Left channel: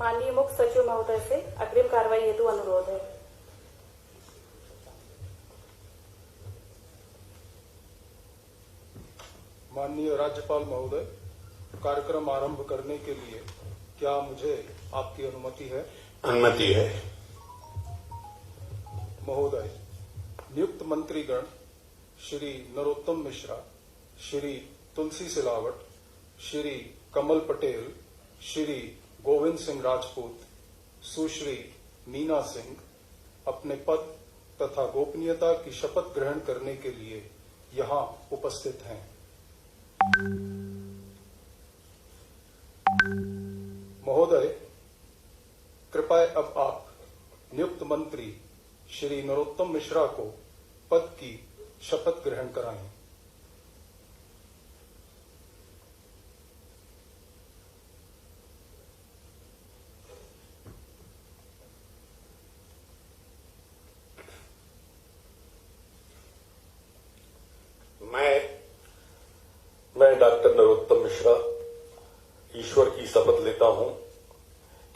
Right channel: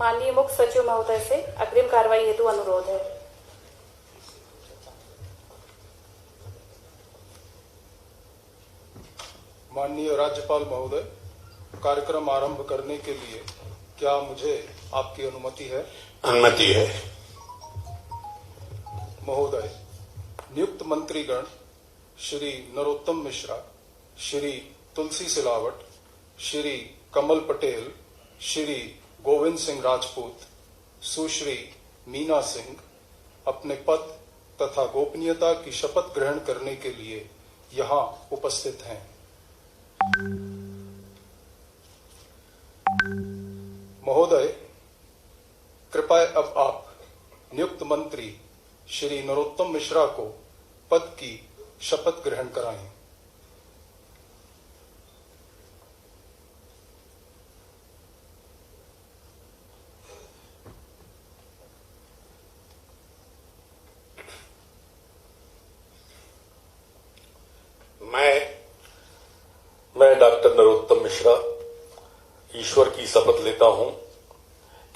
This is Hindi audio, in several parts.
माननीय मुख्य सचिव महोदय से अग्रिम कार्रवाई हेतु अनुरोध है। माननीय राज्यपाल महोदय, कार्यक्रम आरंभ करने के लिए क्या मुझे आपकी अनुमति है? अनुमति है। महोदय, नियुक्त मंत्रीगण श्री नरोत्तम मिश्रा, श्री तुलसी सिलावट, श्री कमल पटेल, श्री गोविंद सिंह राजपूत, सुश्री मीना सिंह अपने पद तथा गोपनीयता की शपथ ग्रहण करने के लिए यहाँ उपस्थित हैं। महोदय, कृपया अब आप नियुक्त मंत्री श्री नरोत्तम मिश्रा को पद की शपथ ग्रहण कराएं। मैं डॉक्टर नरोत्तम मिश्रा ईश्वर की शपथ लेता हूं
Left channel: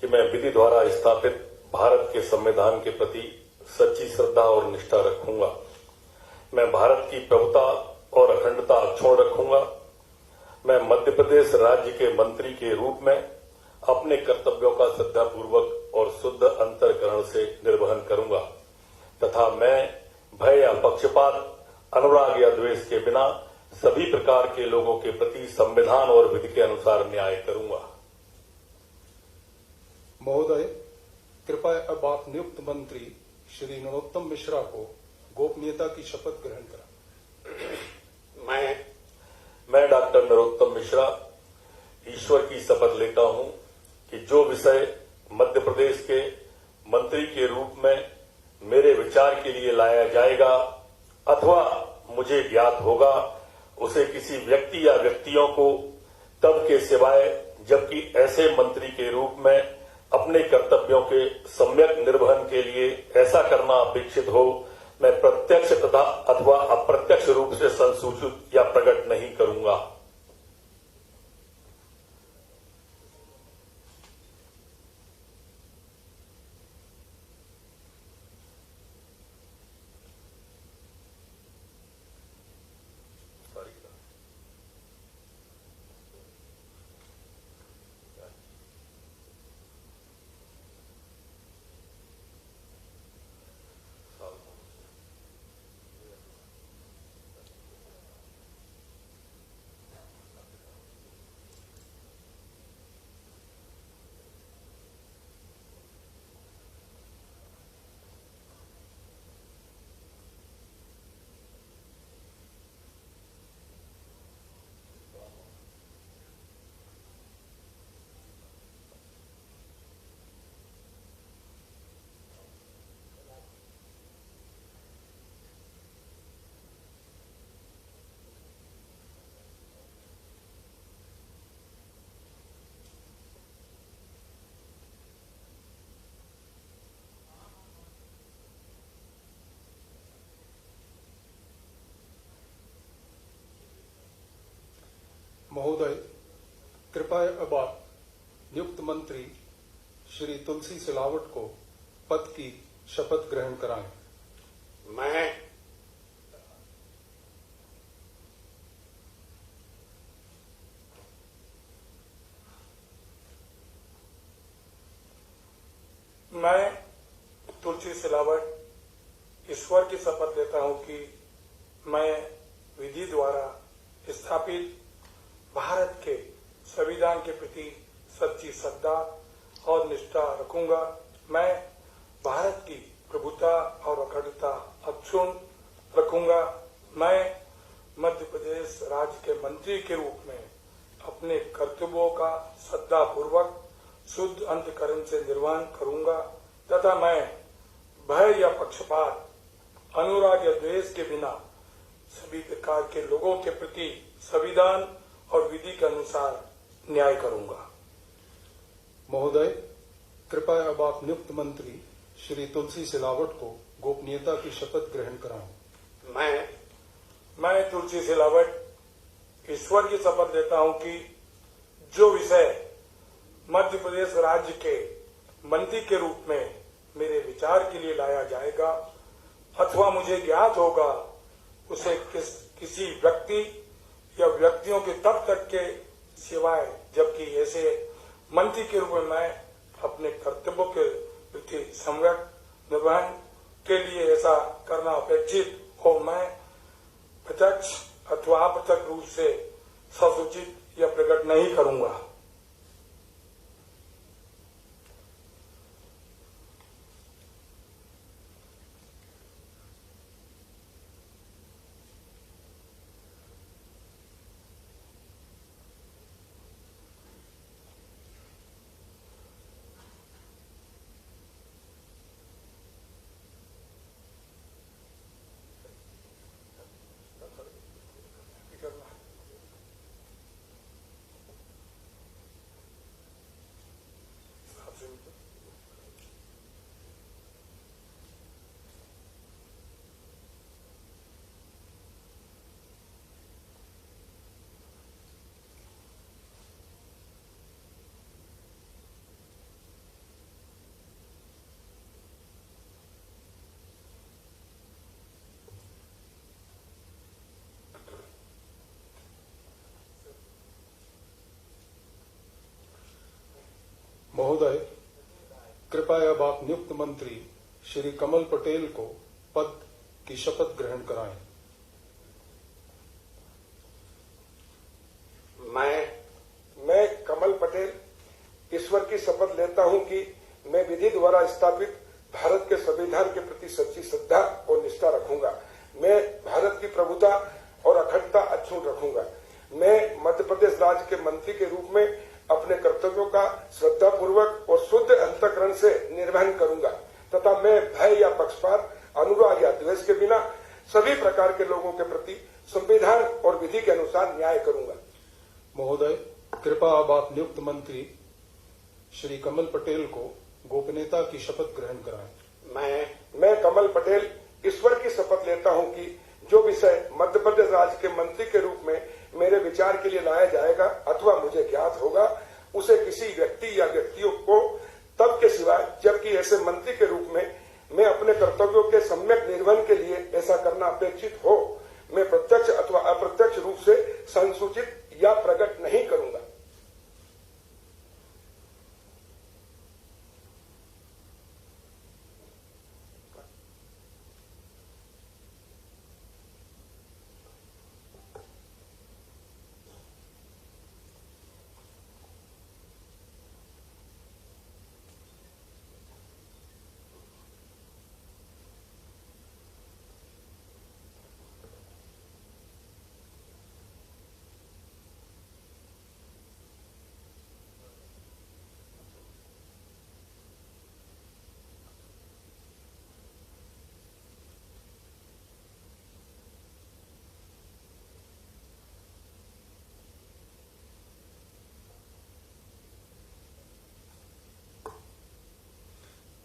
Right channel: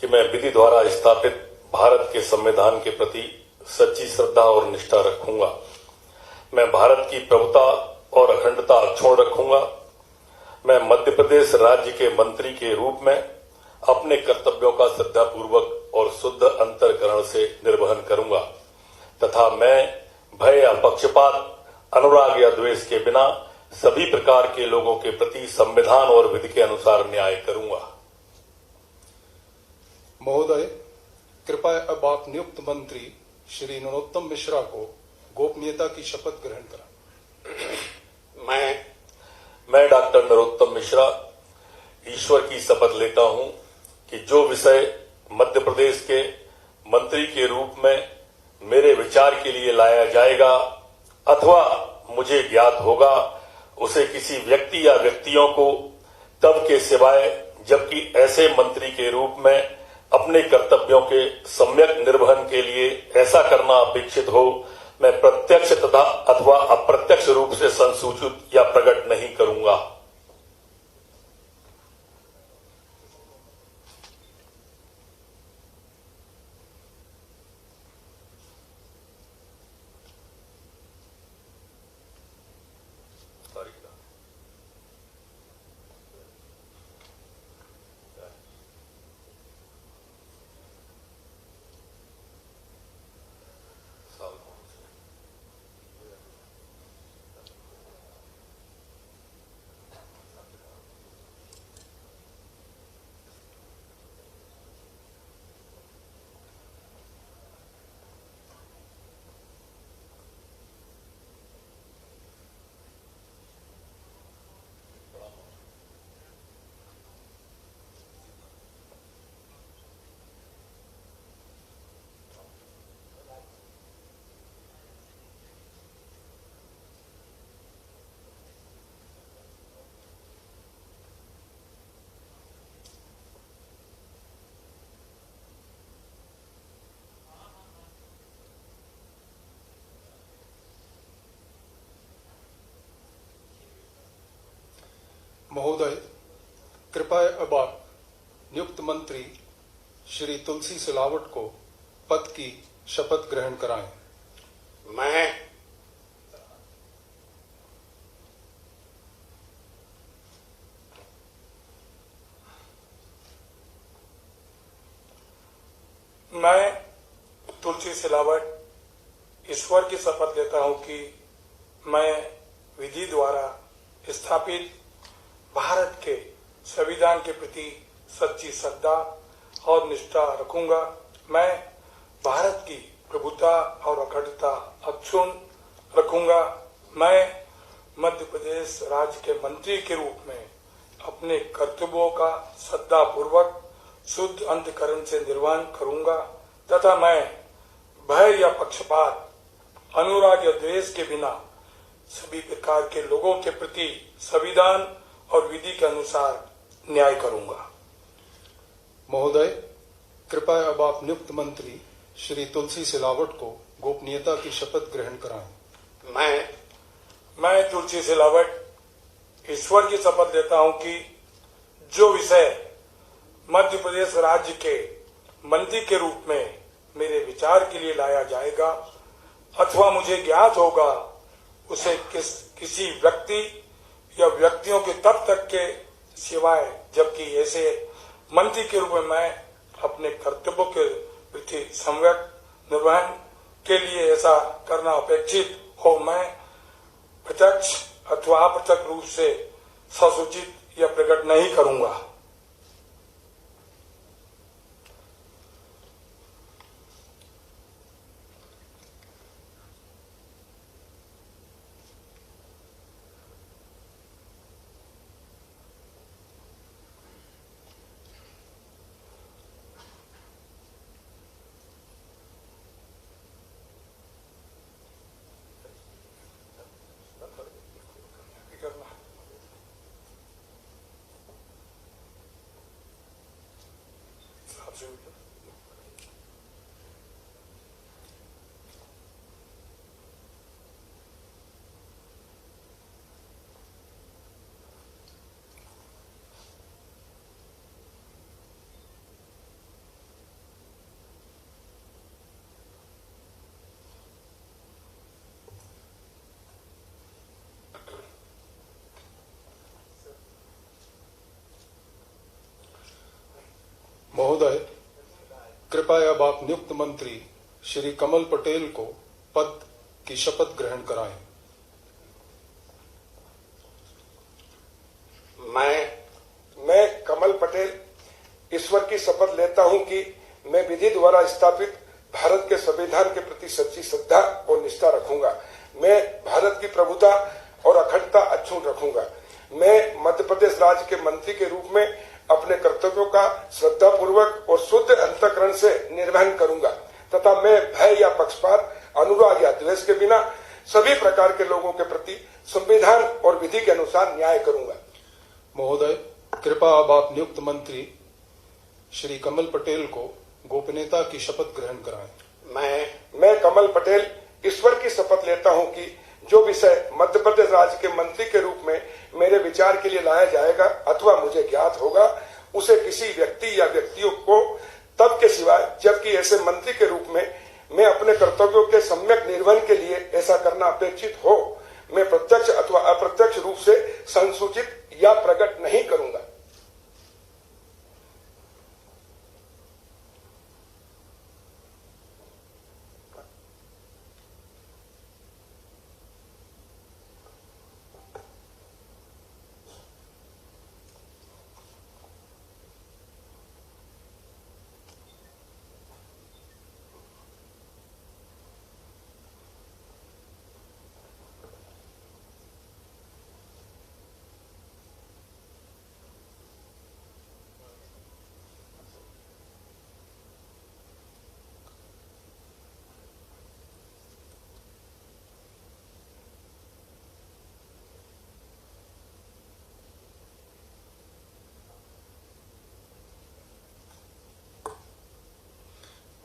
कि मैं विधि द्वारा स्थापित भारत के संविधान के प्रति सच्ची श्रद्धा और निष्ठा रखूंगा। मैं भारत की प्रभुता और अखंडता अक्षुण्ण रखूंगा। मैं मध्य प्रदेश राज्य के मंत्री के रूप में अपने कर्तव्यों का श्रद्धापूर्वक और शुद्ध अंतःकरण से निर्वहन करूंगा तथा मैं भय या पक्षपात, अनुराग या द्वेष के बिना सभी प्रकार के लोगों के प्रति संविधान और विधि के अनुसार न्याय करूंगा। महोदय, कृपया अब आप नियुक्त मंत्री श्री नरोत्तम मिश्रा को गोपनीयता की शपथ ग्रहण कराएं। मैं डॉक्टर नरोत्तम मिश्रा ईश्वर की शपथ लेता हूं कि जो विषय मध्य प्रदेश के मंत्री के रूप में मेरे विचार के लिए लाया जाएगा अथवा मुझे ज्ञात होगा, उसे किसी व्यक्ति या व्यक्तियों को तब के सिवाय जबकि ऐसे मंत्री के रूप में अपने कर्तव्यों के सम्यक निर्वहन के लिए ऐसा करना अपेक्षित हो, मैं प्रत्यक्ष तथा अथवा अप्रत्यक्ष रूप से संसूचित या प्रकट नहीं करूंगा। महोदय, कृपया अब आप नियुक्त मंत्री श्री तुलसी सिलावट को पद की शपथ ग्रहण कराएं। मैं तुलसी सिलावट ईश्वर की शपथ लेता हूं कि मैं विधि द्वारा स्थापित भारत के संविधान के प्रति सच्ची श्रद्धा और निष्ठा रखूंगा। मैं भारत की प्रभुता और अखंडता अक्षुण्ण रखूंगा। मैं मध्य प्रदेश राज्य के मंत्री के रूप में अपने कर्तव्यों का श्रद्धापूर्वक शुद्ध अंतःकरण से निर्वहन करूंगा तथा मैं भय या पक्षपात, अनुराग या द्वेष के बिना सभी प्रकार के लोगों के प्रति संविधान और विधि के अनुसार न्याय करूंगा। महोदय, कृपया अब आप नियुक्त मंत्री श्री तुलसी सिलावट को गोपनीयता की शपथ ग्रहण कराएं। मैं तुलसी सिलावट ईश्वर की शपथ लेता हूं कि जो विषय मध्य प्रदेश राज्य के मंत्री के रूप में मेरे विचार के लिए लाया जाएगा अथवा मुझे ज्ञात होगा उसे किसी व्यक्ति या व्यक्तियों के तब तक के सिवाय जबकि ऐसे मंत्री के रूप में मैं अपने कर्तव्यों के प्रति सम्यक निर्वहन के लिए ऐसा करना अपेक्षित हो मैं प्रत्यक्ष अथवा अप्रत्यक्ष रूप से ससूचित या प्रकट नहीं करूंगा। महोदय, कृपया अब आप नियुक्त मंत्री श्री कमल पटेल को पद की शपथ ग्रहण कराएं। मैं कमल पटेल ईश्वर की शपथ लेता हूं कि मैं विधि द्वारा स्थापित भारत के संविधान के प्रति सच्ची श्रद्धा और निष्ठा रखूंगा। मैं भारत की प्रभुता और अखंडता अक्षुण्ण रखूंगा। मैं मध्य प्रदेश राज्य के मंत्री के रूप में अपने कर्तव्यों का श्रद्धापूर्वक और शुद्ध अंतःकरण से निर्वहन करूंगा तथा मैं भय या पक्षपात, अनुराग या द्वेष के बिना सभी प्रकार के लोगों के प्रति संविधान और विधि के अनुसार न्याय करूंगा। महोदय, कृपया अब आप नियुक्त मंत्री श्री कमल पटेल को गोपनीयता की शपथ ग्रहण कराएं। मैं कमल पटेल ईश्वर की शपथ लेता हूं कि जो विषय मध्य प्रदेश राज्य के मंत्री के रूप में मेरे विचार के लिए लाया जाएगा अथवा मुझे ज्ञात होगा उसे किसी व्यक्ति या व्यक्तियों को तब के सिवाय जबकि ऐसे मंत्री के रूप में मैं अपने कर्तव्यों के सम्यक निर्वहन के लिए ऐसा करना अपेक्षित हो मैं प्रत्यक्ष अथवा अप्रत्यक्ष रूप से संसूचित या प्रकट नहीं करूंगा।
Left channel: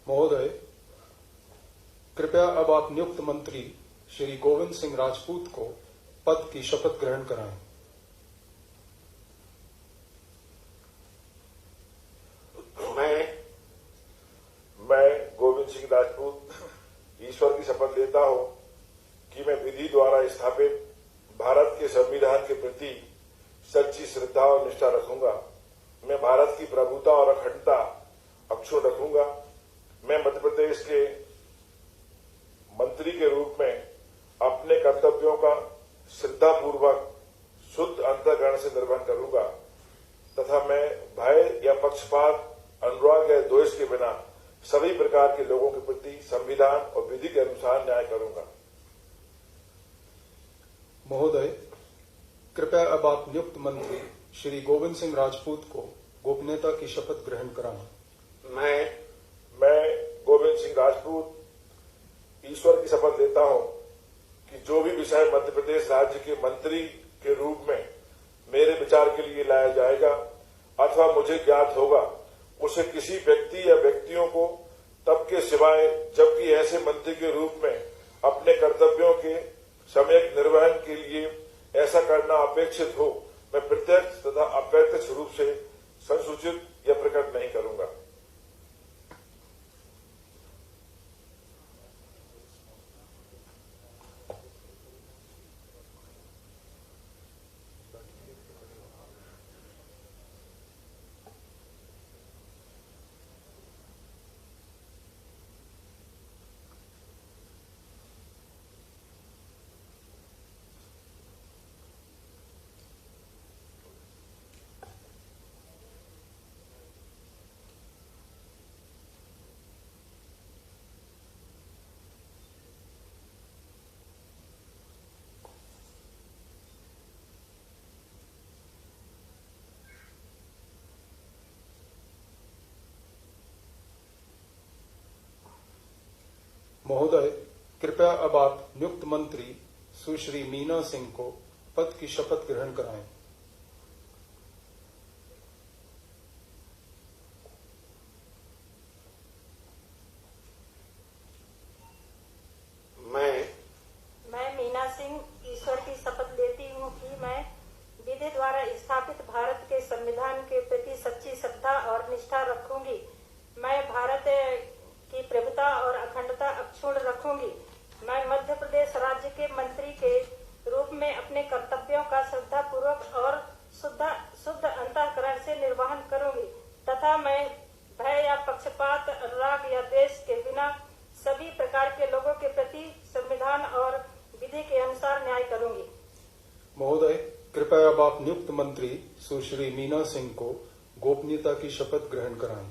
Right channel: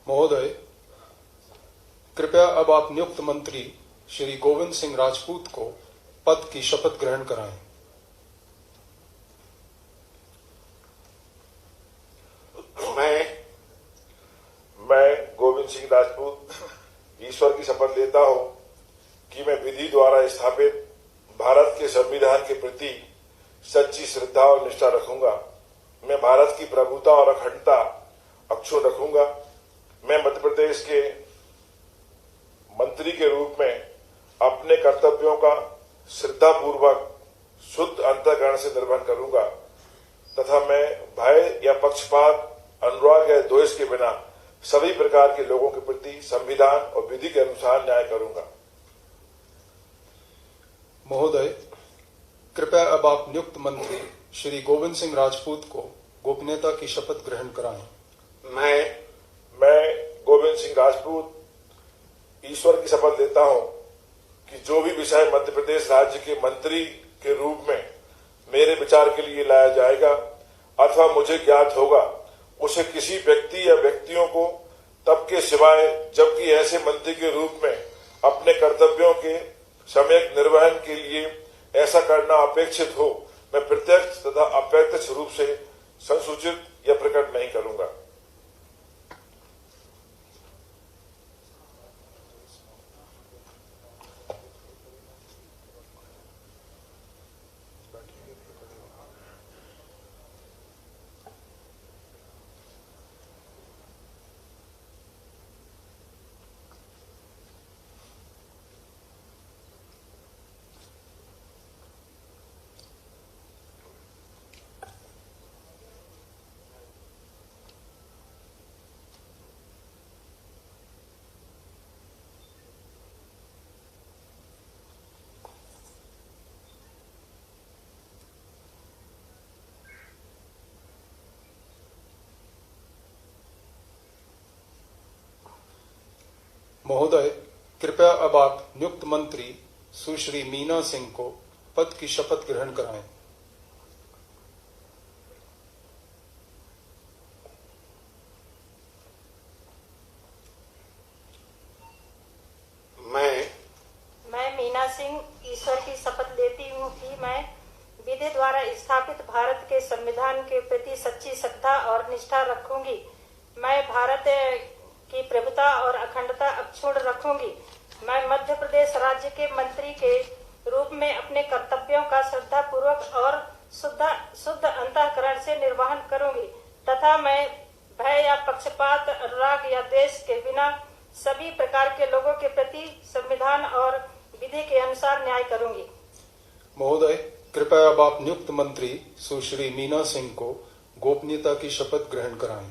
महोदय, कृपया अब आप नियुक्त मंत्री श्री गोविंद सिंह राजपूत को पद की शपथ ग्रहण कराएं। मैं गोविंद सिंह राजपूत ईश्वर की शपथ लेता हूं कि मैं विधि द्वारा स्थापित भारत के संविधान के प्रति सच्ची श्रद्धा और निष्ठा रखूंगा। मैं भारत की प्रभुता और अखंडता अक्षुण्ण रखूंगा। मैं मध्य प्रदेश के मंत्री के रूप में अपने कर्तव्यों का श्रद्धापूर्वक शुद्ध अंतःकरण से निर्वहन करूंगा तथा मैं भय या पक्षपात, अनुराग या द्वेष के बिना सभी प्रकार के लोगों के प्रति संविधान और विधि के अनुसार न्याय करूंगा। महोदय, कृपया अब आप नियुक्त मंत्री श्री गोविंद सिंह राजपूत को गोपनीयता की शपथ ग्रहण कराएं। मैं गोविंद सिंह राजपूत ईश्वर की शपथ लेता हूं कि जो भी विषय मध्य प्रदेश राज्य के मंत्री के रूप में मेरे विचार के लिए लाया जाएगा अथवा मुझे ज्ञात होगा उसे किसी व्यक्ति या व्यक्तियों को तब के सिवाय जबकि ऐसे मंत्री के रूप में अपने कर्तव्यों के सम्यक निर्वहन के लिए ऐसा करना अपेक्षित हो मैं प्रत्यक्ष तथा अप्रत्यक्ष रूप से संसूचित या प्रकट नहीं करूंगा। महोदय, कृपया अब आप नियुक्त मंत्री सुश्री मीना सिंह को पद की शपथ ग्रहण कराएं। मैं मीना सिंह ईश्वर की शपथ लेती हूँ कि मैं विधि द्वारा स्थापित भारत के संविधान के प्रति सच्ची श्रद्धा और निष्ठा रखूंगी। मैं भारत की प्रभुता और अखंडता अक्षुण्ण रखूंगी। मैं मध्य प्रदेश राज्य के मंत्री के रूप में अपने कर्तव्यों का श्रद्धा पूर्वक और शुद्ध अंतःकरण से निर्वहन करूंगी तथा मैं भय या पक्षपात, अनुराग या द्वेष के बिना सभी प्रकार के लोगों के प्रति संविधान और विधि के अनुसार न्याय करूंगी। महोदय, कृपया अब आप नियुक्त मंत्री सुश्री मीना सिंह को गोपनीयता की शपथ ग्रहण कराएं।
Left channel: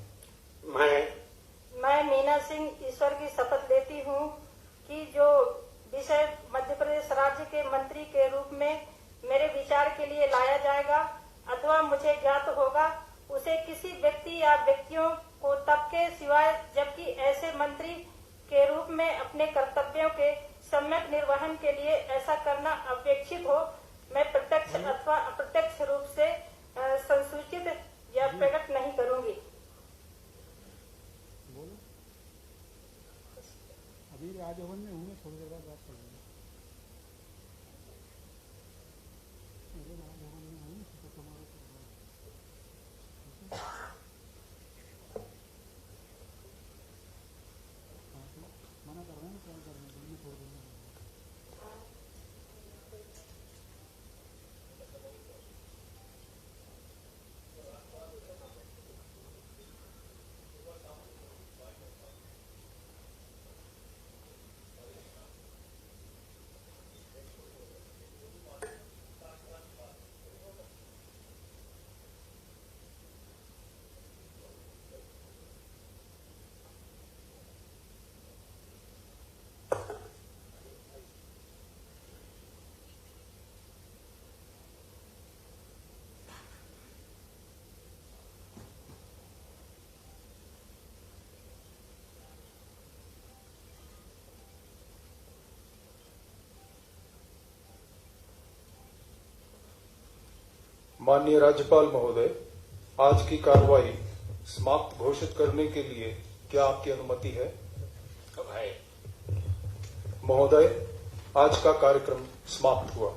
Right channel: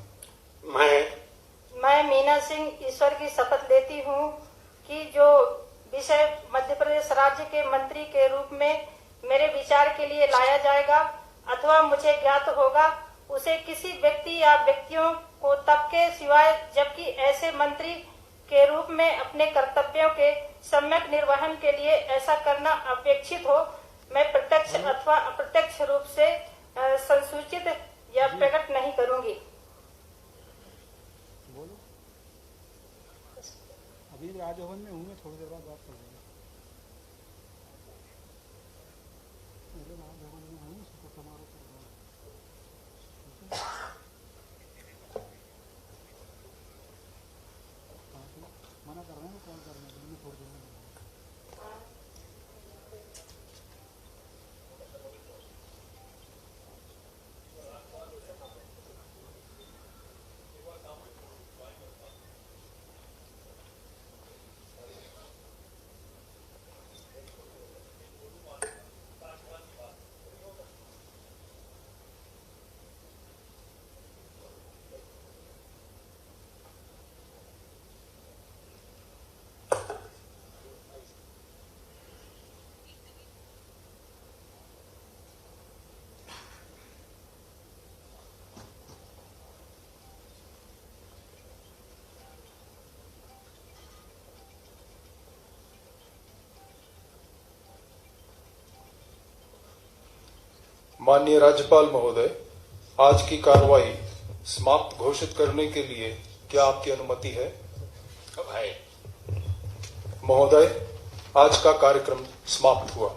मैं मीना सिंह ईश्वर की शपथ लेती हूँ कि जो विषय मध्य प्रदेश राज्य के मंत्री के रूप में मेरे विचार के लिए लाया जाएगा अथवा मुझे ज्ञात होगा, उसे किसी व्यक्ति या व्यक्तियों को तब के सिवाय जबकि ऐसे मंत्री के रूप में अपने कर्तव्यों के सम्यक निर्वहन के लिए ऐसा करना अपेक्षित हो, मैं प्रत्यक्ष अथवा अप्रत्यक्ष रूप से संसूचित या प्रकट नहीं करूंगी। अभी राजभवन में हूँ, मैं थोड़ी देर बाद बात करूँगा। राजभवन में हूँ, शपथ समारोह कर रहा हूँ। मना कर रहे हैं, कॉल करने के लिए थोड़ी देर में। माननीय राज्यपाल महोदय, आज की कार्रवाई समाप्त घोषित करने के लिए क्या आपकी अनुमति है? महोदय, आज का कार्यक्रम समाप्त हुआ।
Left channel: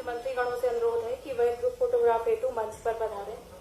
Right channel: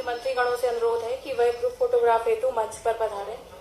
मंत्रीगणों से अनुरोध है कि वह ग्रुप फोटोग्राफ हेतु मंच पर पधारें।